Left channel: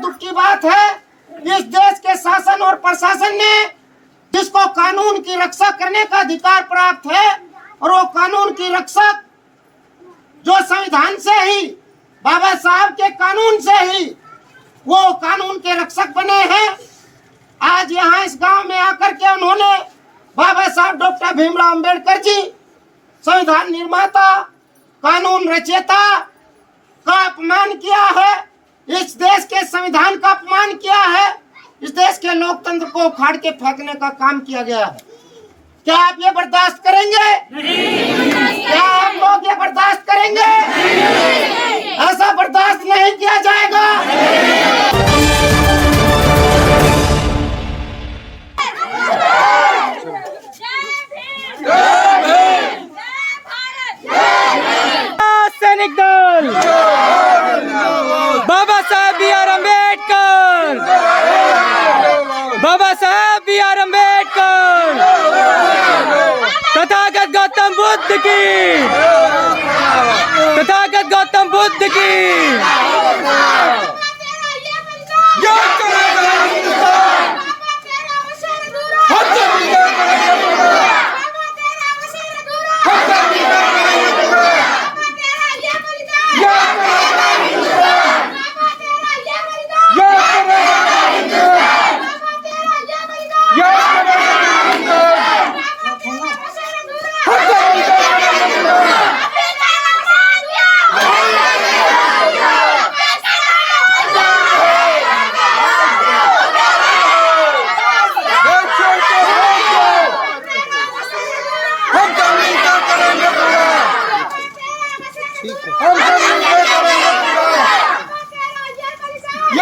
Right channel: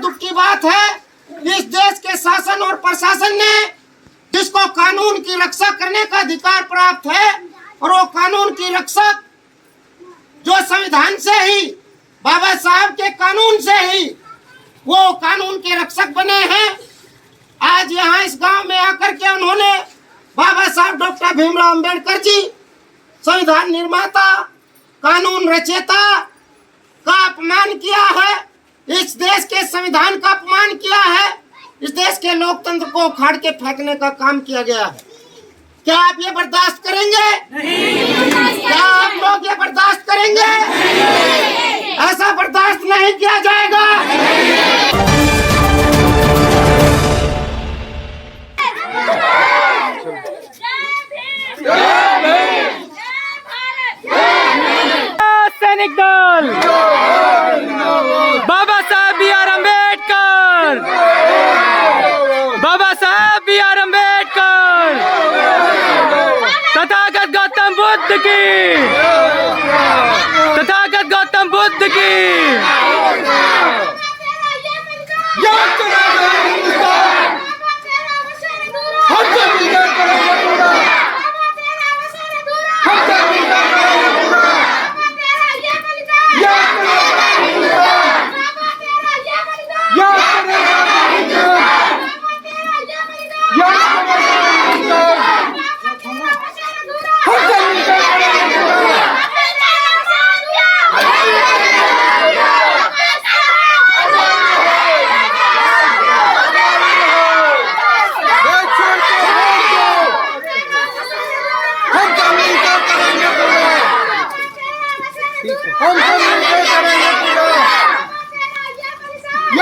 दुख की बात है, इस देश के शासन और प्रशासन ने जिसको कानून की रक्षा करने का अधिकार प्राप्त है, और वो कानून की रक्षक जो संविधान से ही, बाबा साहब के कानून से ही वो कानून के रक्षक बने हैं। आज यहाँ इस गांव में आकर के उन्होंने बाबा साहब डॉक्टर भीमराव अंबेडकर जी, संविधान निर्माता, कानून रचयिता का अपमान किया है। इस देश के संविधान का अपमान किया है। इस देश के लोकतंत्र को उखाड़ के फेंकने का काम किया गया है। क्या आप ये बर्दाश्त करेंगे? नहीं। क्या आप लोग ये बर्दाश्त करेंगे? नहीं। ऐसा बर्दाश्त नहीं किया जाएगा। सैनिक दल, बाबा साहब बी.आर. अम्बेडकर, बाबा साहब बी.आर. अम्बेडकर, तथागत गौतम बुद्ध की, तथागत गौतम बुद्ध की।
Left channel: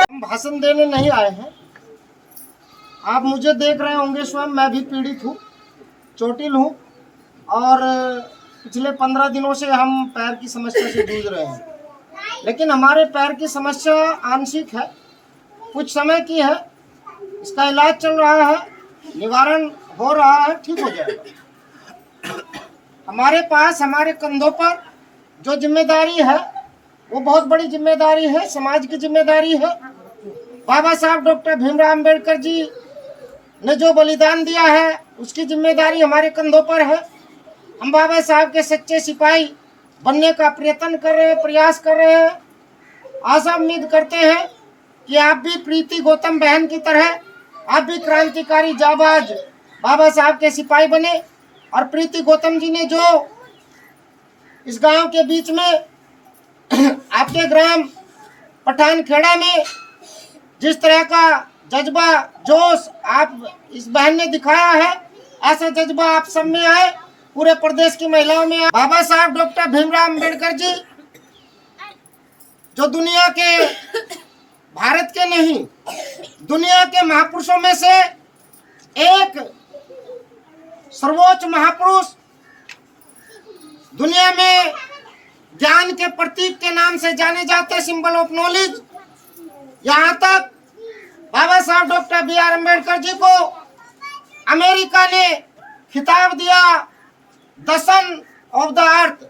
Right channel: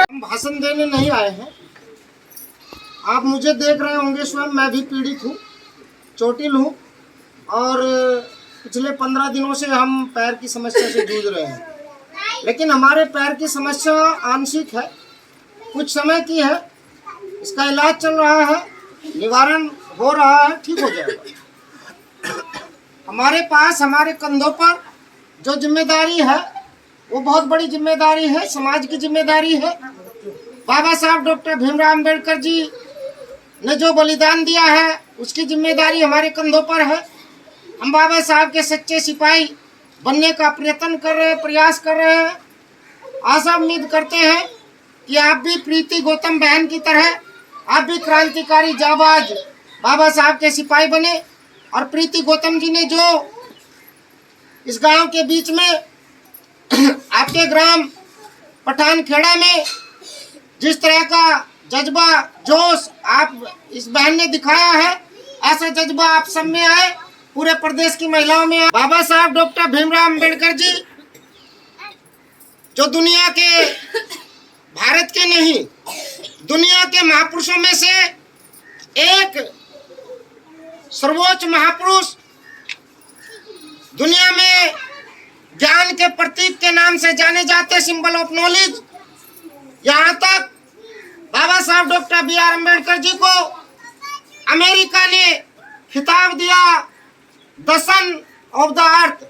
हम भाषण देने नहीं आए हैं। आप मुझे देख रहे होंगे, स्वयं मैं भी पीड़ित हूँ, चोटिल हूँ, और पिछले 15 दिनों से हम पैर की समस्या से जूझ रहे हैं। लेकिन हमारे पैर की समस्या आंशिक है, कुछ समय की है। इसका इलाज चल रहा है, निवारण हो रहा है, ठीक हो जाएगा। हमारे पास, हमारे कंधों पर जो जिम्मेदारी है वो बहुत बड़ी जिम्मेदारी है, समाज की जिम्मेदारी है। बाबा साहब डॉक्टर भीमराव अंबेडकर जी ने जो बलिदान दिया है उसकी जिम्मेदारी हमारे कंधों पर है। हम बाबा साहब के सच्चे सिपाही बनने का प्रयास कर रहे हैं। आशा उम्मीद करते हैं कि आप भी प्रीति गौतम बहन की तरह आप भी क्रांतिकारी जाबाज बाबा साहब के सिपाही बने। और प्रीति गौतम जी ने जो इस गांव के बीच में आपके ग्राम पठानखेड़ा में जिस तरह का जज्बा, जोश आप इस बहन ने दिखाया है, ऐसा जज्बा आप सब में आए, पूरे प्रदेश की महिलाओं में आए। बाबा साहब डॉक्टर भीमराव अंबेडकर जी जो दुनिया के, भारत के नहीं, दुनिया के महापुरुषों में से एक सर्वोच्च महापुरुष, दुनिया में ज्ञान के प्रतीक के नाम से जाने जाते, सिंबल ऑफ नॉलेज। यहाँ तक बाबा साहब डॉक्टर बी.आर. अम्बेडकर जी को अमेरिका ने खिताब दिया the son of the earth,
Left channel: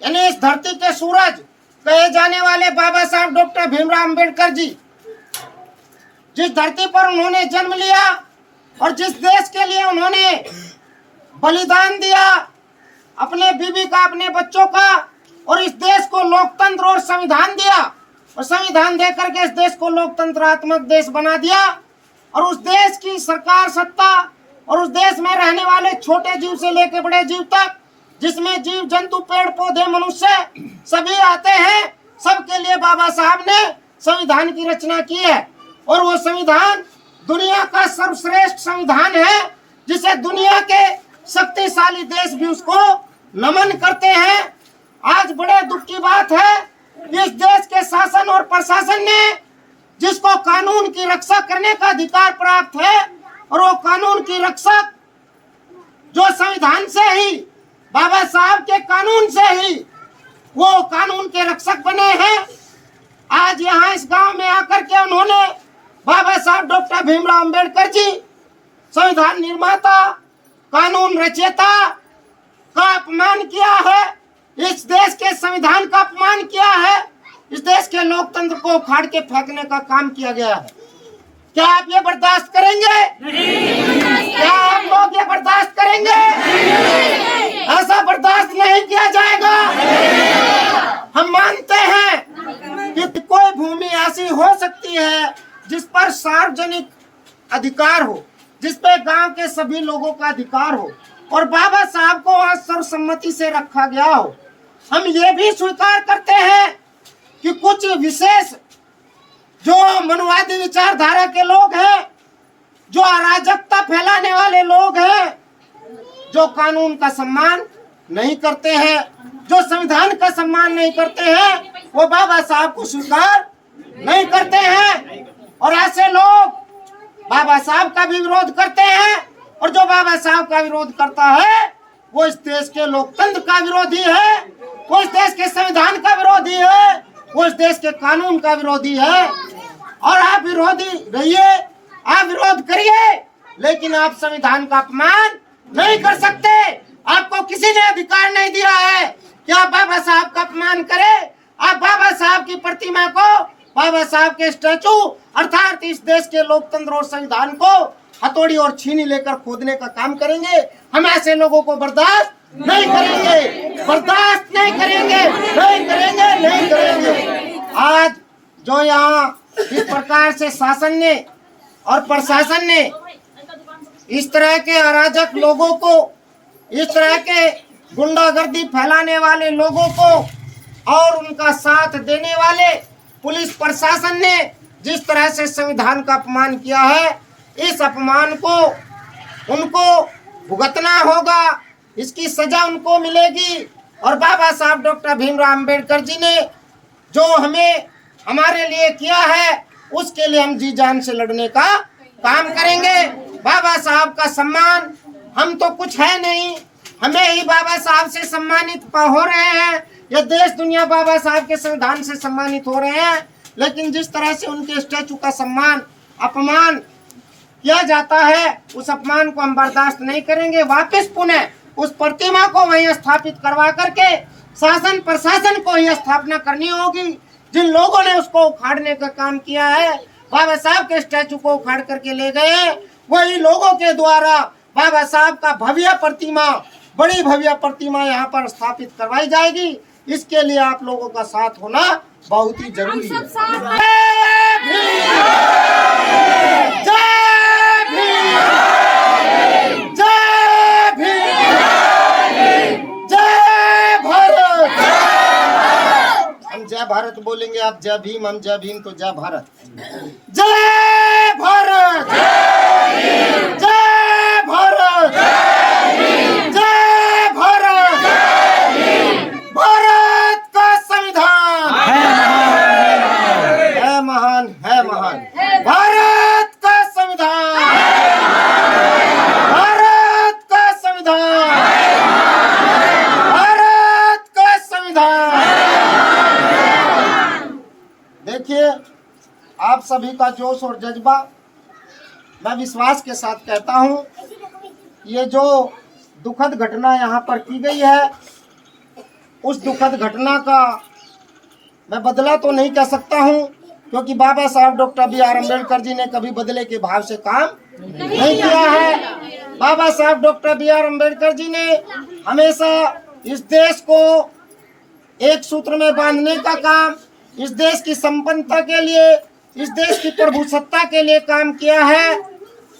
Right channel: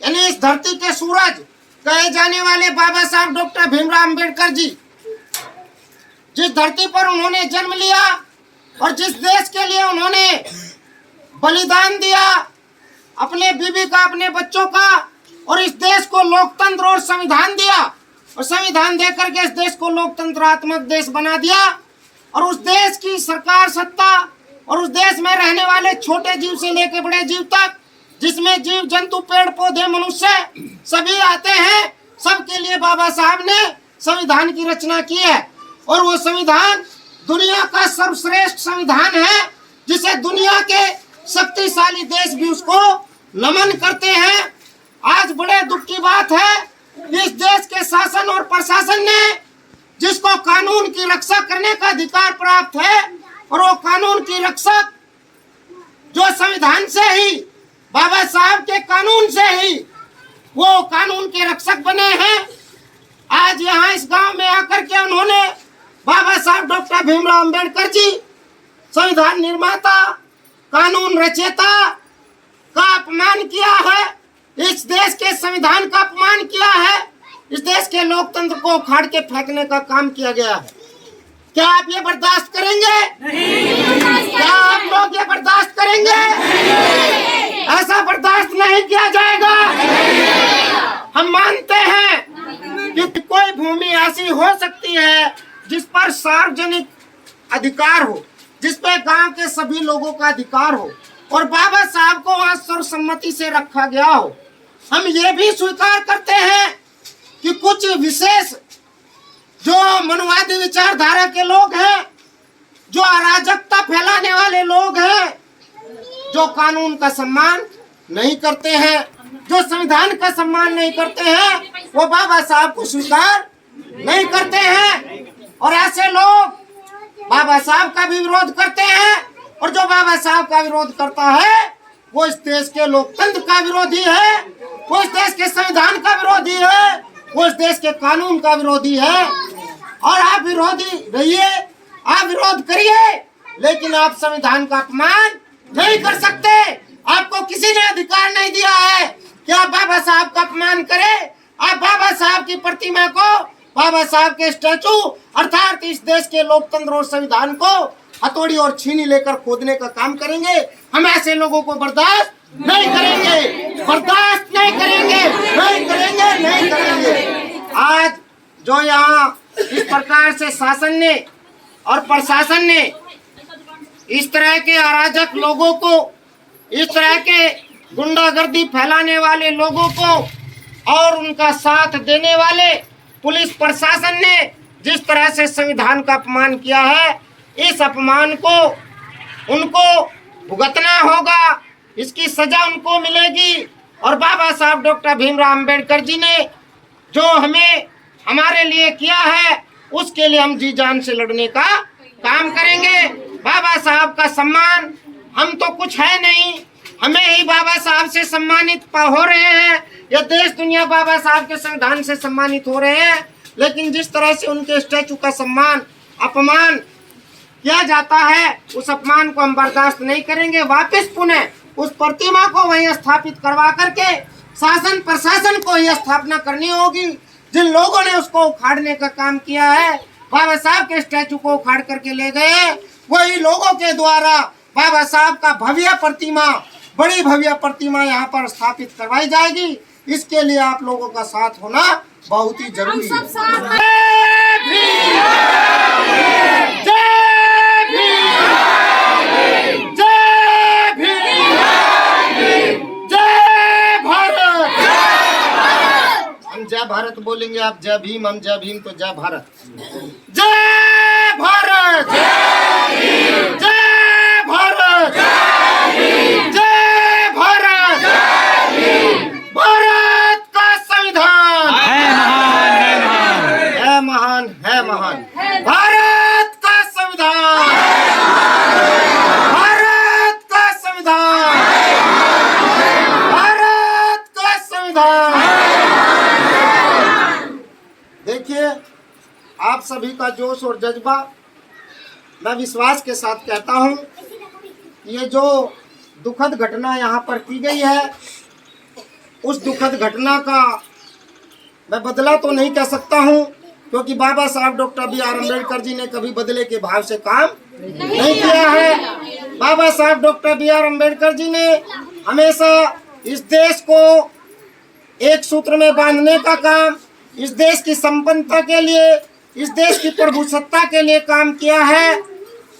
यानी इस धरती के सूरज कहे जाने वाले बाबा साहब डॉक्टर भीमराव अम्बेडकर जी, जिस धरती पर उन्होंने जन्म लिया और जिस देश के लिए उन्होंने बलिदान दिया, अपने बीवी का, अपने बच्चों का, और इस देश को लोकतंत्र और संविधान दिया, और संविधान देकर के इस देश को लोकतंत्रात्मक देश बना दिया। और उस देश की सरकार, सत्ता, और उस देश में रहने वाले छोटे जीव से लेकर बड़े जीव तक, जिसमें जीव जंतु, पेड़ पौधे, मनुष्य सभी आते हैं, सबके लिए बाबा साहब ने संविधान की रचना की है। और वो संविधान दुनिया का सर्वश्रेष्ठ संविधान है, जिसे दुनिया के शक्तिशाली देश भी उसको नमन करते हैं। आज बड़े दुख की बात है, इस देश के शासन और प्रशासन ने जिसको कानून की रक्षा करने का अधिकार प्राप्त है, और वो कानून की रक्षक जो संविधान से ही, बाबा साहब के कानून से ही वो कानून के रक्षक बने हैं। आज यहाँ इस गांव में आकर के उन्होंने बाबा साहब डॉक्टर भीमराव अंबेडकर जी, संविधान निर्माता, कानून रचयिता का अपमान किया है। इस देश के संविधान का अपमान किया है। इस देश के लोकतंत्र को उखाड़ के फेंकने का काम किया गया है। क्या आप ये बर्दाश्त करेंगे? नहीं। क्या आप लोग ये बर्दाश्त करेंगे? नहीं। ऐसा बर्दाश्त नहीं किया जाएगा। हम मानते हैं कि कोई भूमि ऐसी हो सकती है जिस पर सार्वजनिक अधिकार हो, जिस पे गांव के सभी लोगों का अधिकार हो और बाबा साहब को आज सर्वसम्मति से रखा गया हो। हम ये भी स्वीकार करते हैं कि कुछ विशेष जो मनुवादी विचारधारा के लोग हैं, जो अराजकता फैलाने वाले लोग हैं, जो कानून का सम्मान नहीं करते हैं, जो संविधान का सम्मान नहीं करते हैं, वो बाबा साहब को स्वीकार नहीं करते हैं। और ऐसे लोग बाबा साहब का भी विरोध करते हैं और जो बाबा साहब का विरोध करता है वो इस देश के लोकतंत्र का विरोधी है, वो इस देश के संविधान का विरोधी है, वो इस देश के कानून का विरोधी है। और आप विरोधी रहिए, आप विरोध करिए, लेकिन आप संविधान का अपमान नहीं कर सकते। आपको किसी ने अधिकार नहीं दिया है कि आप बाबा साहब का अपमान करें। आप बाबा साहब की प्रतिमा को, बाबा साहब के स्टैचू अर्थात इस देश के लोकतंत्र और संविधान को हथौड़ी और छीनी लेकर खोदने का काम करेंगे। हम ऐसे लोगों को बर्दाश्त नहीं करेंगे, बर्दाश्त नहीं करेंगे, नहीं करेंगे, नहीं करेंगे। आज जो यहाँ इस प्रकार से शासन ने और प्रशासन ने इस तरह के अराजक लोगों को, इस तरह के गुंडागर्दी फैलाने वाले लोगों को और उनका साथ देने वाले पुलिस प्रशासन ने जिस तरह से संविधान का अपमान किया है, इस अपमान को उनको भुगतना होगा, इसकी सजा उनको मिलेगी। और बाबा साहब डॉक्टर भीमराव अंबेडकर जी ने जो हमें हमारे लिए किया है उसके लिए हम जी जान से लड़ने का काम करेंगे। बाबा साहब का सम्मान, हम तो कुछ है नहीं, हमें ही बाबा साहब से सम्मानित हो रहे हैं, ये देश दुनिया बाबा साहब के संविधान से सम्मानित हो रहे हैं। लेकिन जिस तरह से उनके स्टैचू का सम्मान अपमान किया जाता है, उस अपमान को हम बर्दाश्त नहीं करेंगे। वापस पुनः उस प्रतिमा को वहीं स्थापित करवा करके शासन प्रशासन को ही स्थापना करनी होगी। जिन लोगों ने उसको उखाड़ने का काम किया है, बाबा साहब के स्टैचू को उखाड़ करके ले गए, वही लोगों के द्वारा बाबा साहब का भव्य प्रतिमा, बड़ी भव्य प्रतिमा यहाँ पर स्थापित करवाई जाएगी। इसके लिए आप लोगों का साथ होना बहुत ही जरूरी है। जय भीम, जय भीम, जय भीम, जय भारत। हम जय भारत बोलेंगे, आप जय भीम, हम जय भीम तो जय भारत। जय भारत, जय भारत, जय भारत। भारत का संविधान है महान, है महान, है महान, है महान। भारत का संविधान, भारत का संविधान, भारत का संविधान। देखिए, आप सभी का जोश और जज्बा मैं विश्वास के साथ कहता हूं, ये जो दुखद घटना यहाँ पर की गई है, उस दुखद घटना का मैं बदला तो नहीं कह सकता हूँ, क्योंकि बाबा साहब डॉक्टर बी.आर. अम्बेडकर जी ने कभी बदले के भाव से काम नहीं किया है। बाबा साहब डॉक्टर बी.आर. अम्बेडकर जी ने हमेशा इस देश को एक सूत्र में बांधने का काम, इस देश की संपन्नता के लिए, इस देश की प्रभुसत्ता के लिए काम किया है।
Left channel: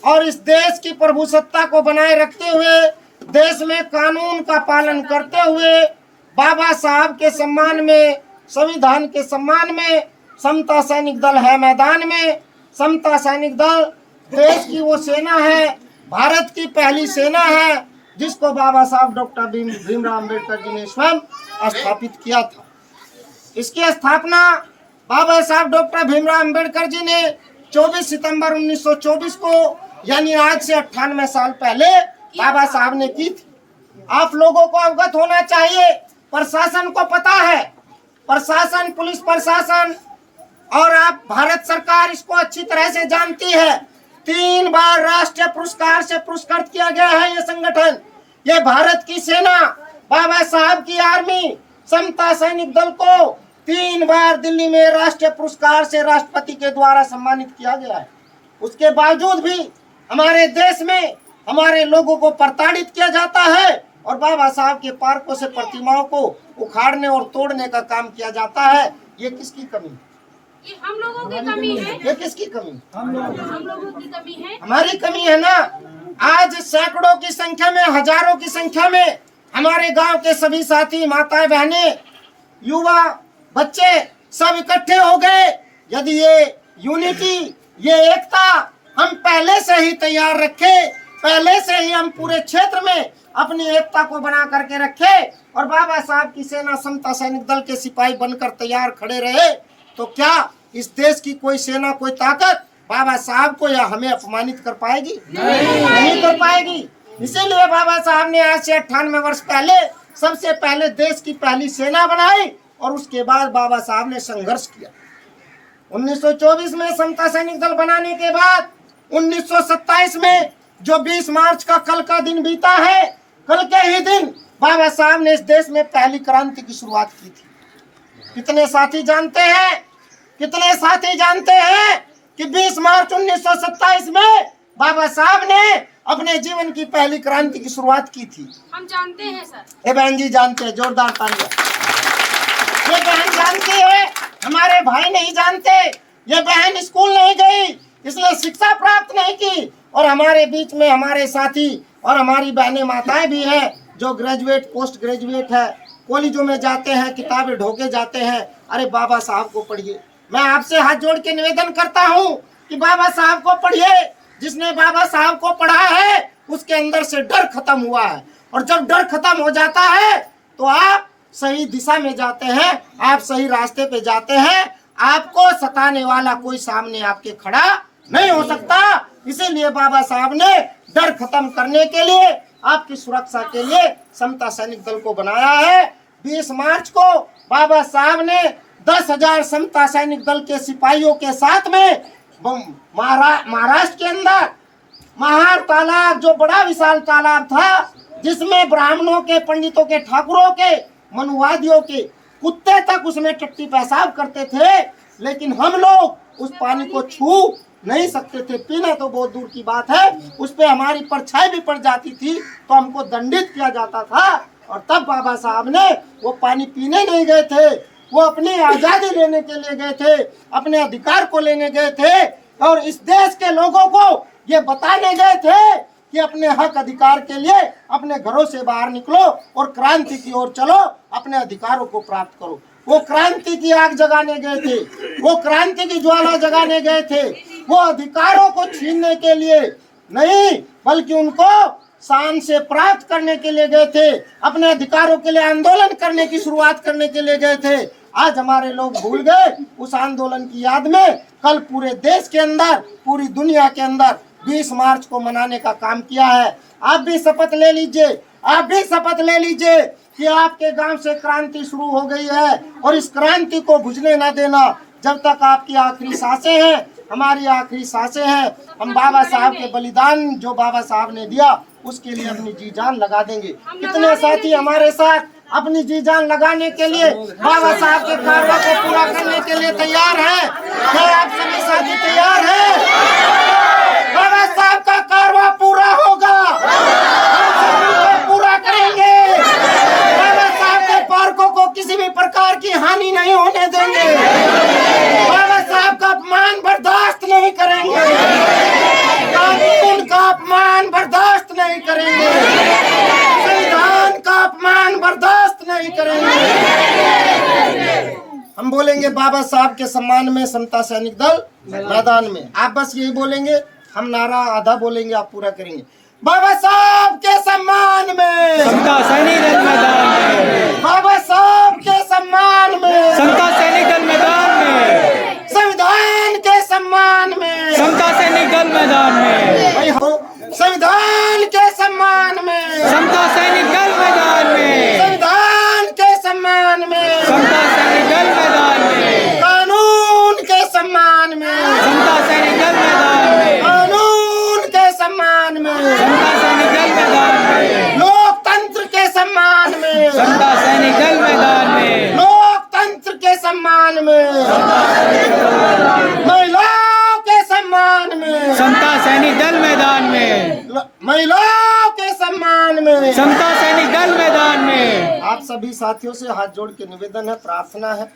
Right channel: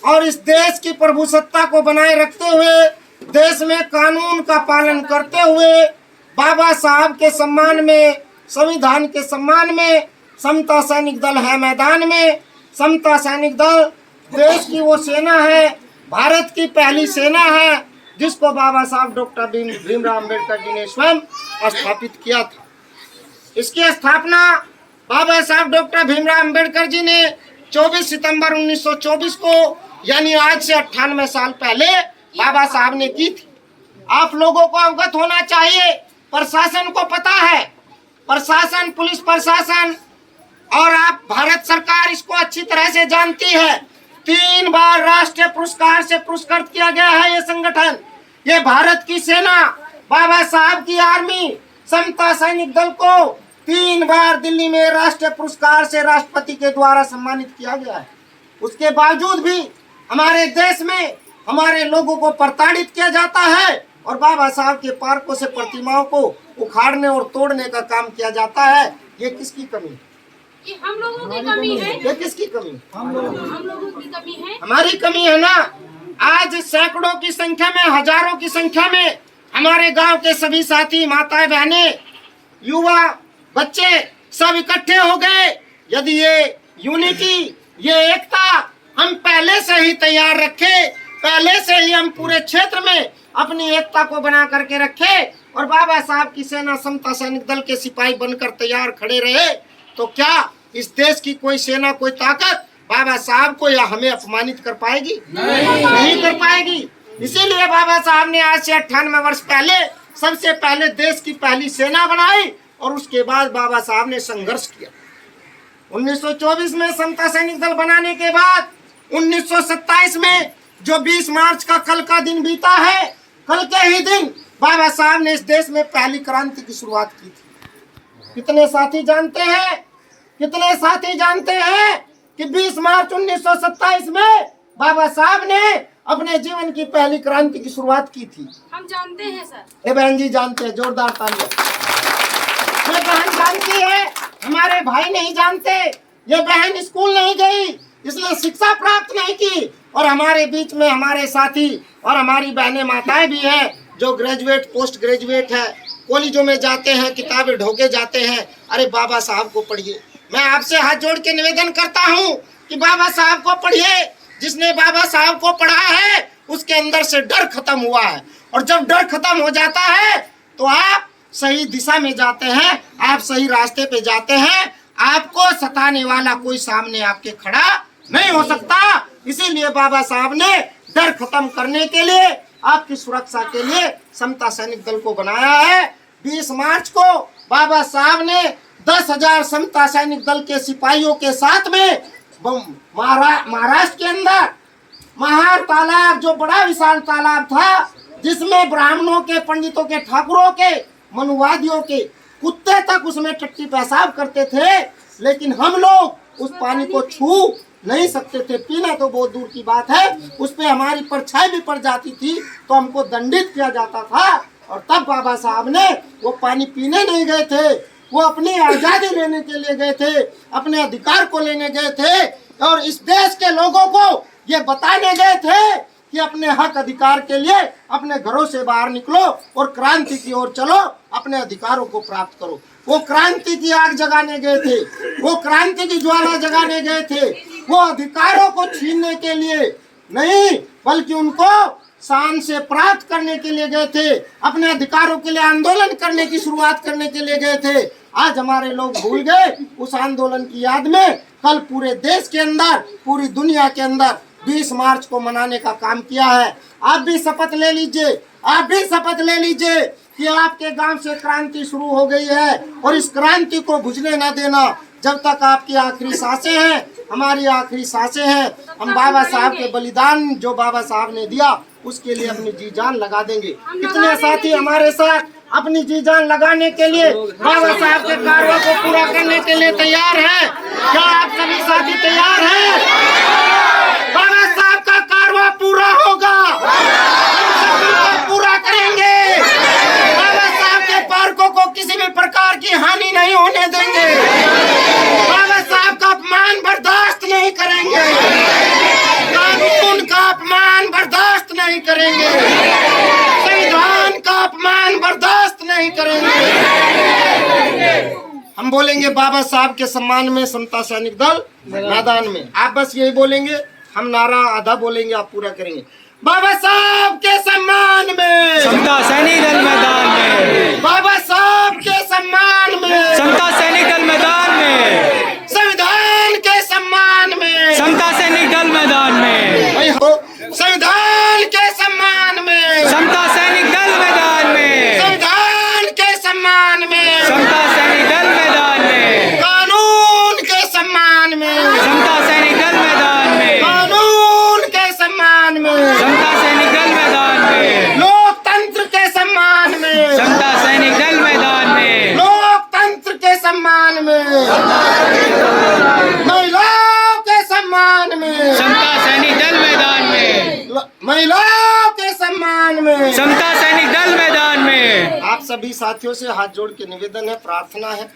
और इस देश की प्रभुसत्ता को बनाए रखते हुए, देश में कानून का पालन करते हुए, बाबा साहब के सम्मान में, संविधान के सम्मान में, समता सैनिक दल है मैदान में। समता सैनिक दल देश की वो सेना है, भारत की पहली सेना है, जिसको बाबा साहब डॉक्टर भीमराव अम्बेडकर जी ने स्वयं स्थापित किया था। इसकी स्थापना बाबा साहब डॉक्टर भीमराव अम्बेडकर जी ने 24 सितंबर 1924 को, यानी आज से 98 साल पहले बाबा साहब ने की थी। आप लोगों को अवगत होना चाहिए, प्रशासन को पता है, प्रशासन, पुलिस प्रशासन और आप भारत सरकार इसको अच्छी तरह से जानती है। 3 बार राष्ट्रीय पुरस्कार से पुरस्कृत किया गया है ये संगठन। ये भारत की सेना, बाबा साहब की आर्मी, समता सैनिक दल को 3 बार दिल्ली में राष्ट्रीय पुरस्कार से राष्ट्रपति के द्वारा सम्मानित किया गया है। उसके बावजूद भी हमारे देश में हमारे लोगों को प्रताड़ित किया जाता है और बाबा साहब के पार्कों से प्रतिमाओं को उखाड़ने और तोड़ने का काम किया जाता है। ये किसकी कमी? ये हम लोगों की कमी है। ये किसकी कमी? हम लोगों की कमी है। हमारी कमी है ना। आज सैकड़ों की संख्या में, हजारों की संख्या में हमारे गांव के सभी साथी, माताएं, बहनें, युवा, बच्चे सब इकट्ठे हो गए। यदि ये यूनिटी, ये एकता हम पहले से ही तैयार रखे, पहले से ही हम पूरे क्षेत्र में अपनी एकता को बना करके रखे और बाबा साहब की सेना समता सैनिक दल के सिपाही बनकर तैयार खड़े रहे, तो क्या इस देश की कोई सेना, कोई ताकत बाबा साहब को या हमें अपमानित कर पाएगी? नहीं कर पाएगी। इसीलिए बाबा साहब ने आज से 98 वर्ष पहले सबसे पहले देश की पहली सेना बनाई और उसके बाद बाबा साहब ने संघर्ष किया। 1924 में समता सैनिक दल बनाने के बाद 1927 में जो 20 मार्च का कल का दिन बीता है, कल के ही दिन बाबा साहब ने इस देश में पहली क्रांति की शुरुआत की थी। कितने साथी जानते हैं, कितने साथी जानते हैं कि 20 मार्च 1927 में बाबा साहब ने अपने जीवन की पहली क्रांति की शुरुआत की थी? हम जानते हैं सर। ये बहन जी जानते हैं, जोरदार तालियां। ये बहन जानती है, हमारे भाई नहीं जानते। ये बहन स्कूल नहीं गई, इसलिए शिक्षा प्राप्त नहीं की और हमारे बीच में हमारे साथी और हमारी बहनें, माताएं भी हैं जो ग्रेजुएट, पोस्ट ग्रेजुएट है, कॉलेजों में जाते हैं, किताबें ढोके जाते हैं। अरे बाबा साहब को पढ़िए। मैं आपसे हाथ जोड़ के निवेदन करता हूँ कि बाबा साहब को पढ़िए। जिसने बाबा साहब को पढ़ा है उसके अंदर से डर खत्म हुआ है और जब डर खत्म हो जाता है तो आप सही दिशा में जाते हैं, आप सही रास्ते पे जाते हैं। आपको सताने वाला कोई सामने आपके खड़ा नहीं हो सकता। इसीलिए बाबा साहब ने डर खत्म करने के लिए, आपकी सुरक्षा के लिए समता सैनिक दल को बनाया है। 20 मार्च को बाबा साहब ने 10,000 समता सैनिक दल के सिपाहियों के साथ में महाराष्ट्र के अंदर महार तालाब, जो बड़ा विशाल तालाब था, जिसमें ब्राह्मणों के, पंडितों के, ठाकुरों के, मनुवादियों के कुत्ते तक उसमें टट्टी पेशाब करते थे, लेकिन हम लोग उस पानी को छू नहीं सकते थे। पीना तो बहुत दूर की बात है, उस पे हमारी परछाई भी पड़ जाती थी तो हमको दंडित किया जाता था। और तब बाबा साहब ने वो पानी पीने नहीं गए थे, वो अपनी आज़ादी लेने के लिए गए थे, अपने अधिकार को लेने गए थे और इस देश के लोगों को ये बताने गए थे कि अपने हक अधिकार के लिए अपने घरों से बाहर निकलो और क्रांति की ओर चलो, अपने अधिकारों को प्राप्त करो। वो क्रांति की आग जगाने गए थे, वो क्रांति की ज्वाला जगाने गए थे, वो अधिकारों को छीनने के लिए नहीं बल्कि उनको शान से प्राप्त करने के लिए गए थे, अपने अधिकारों के लिए आंदोलन करने की शुरुआत करने के लिए गए थे। आज हमारे लोग भूल गए उस आंदोलन की याद में। कल पूरे देश के अंदर, पूरी दुनिया के अंदर 20 मार्च को मनाने का काम किया है। आप भी शपथ ले लीजिए, आप भी शपथ ले लीजिए कि आपके गांव से क्रांति शुरू हो गई है और इस क्रांति को बुझने न देना। जब तक आपकी आखिरी सांसें हैं, हमारी आखिरी सांसें हैं, हम बाबा साहब के बलिदान जो बाबा साहब ने दिया उसके लिए अपनी जी जान लगा देंगे। कितने साथी हमारे साथ अपनी जी जान लगाने के लिए, बाबा साहब के कार्यों को पूरा करने के लिए तैयार हैं? क्या आप सभी साथी तैयार हैं? बाबा साहब का कारवा पूरा होगा, हम सभी को पूरा करेंगे। बाबा साहब के पार्कों को किसी भी प्रकार की हानि नहीं होने देंगे। बाबा साहब का अपमान बर्दाश्त नहीं करेंगे, कानून का अपमान बर्दाश्त नहीं करेंगे, संविधान का अपमान बर्दाश्त नहीं करेंगे। हम बोलेंगे बाबा साहब के सम्मान में समता सैनिक दल मैदान में। आप बस यही बोलेंगे, हम नारा आधा बोलेंगे, आप पूरा करेंगे। बाबा साहब के सम्मान में समता सैनिक दल मैदान में, बाबा साहब के सम्मान में समता सैनिक दल मैदान में, संविधान के सम्मान में समता सैनिक दल मैदान में, संविधान के सम्मान में समता सैनिक दल मैदान में, संविधान के सम्मान में समता सैनिक दल मैदान में, कानून के सम्मान में समता सैनिक दल मैदान में, कानून के सम्मान में समता सैनिक दल मैदान में, लोकतंत्र के सम्मान में समता सैनिक दल मैदान में, लोकतंत्र के सम्मान सम्मान में, महिलाओं के सम्मान में, समता सैनिक दल मैदान में, महिलाओं के सम्मान में। समता सैनिक दल मैदान में। आप सभी साथियों से हाथ जोड़ के निवेदन है, प्रार्थना है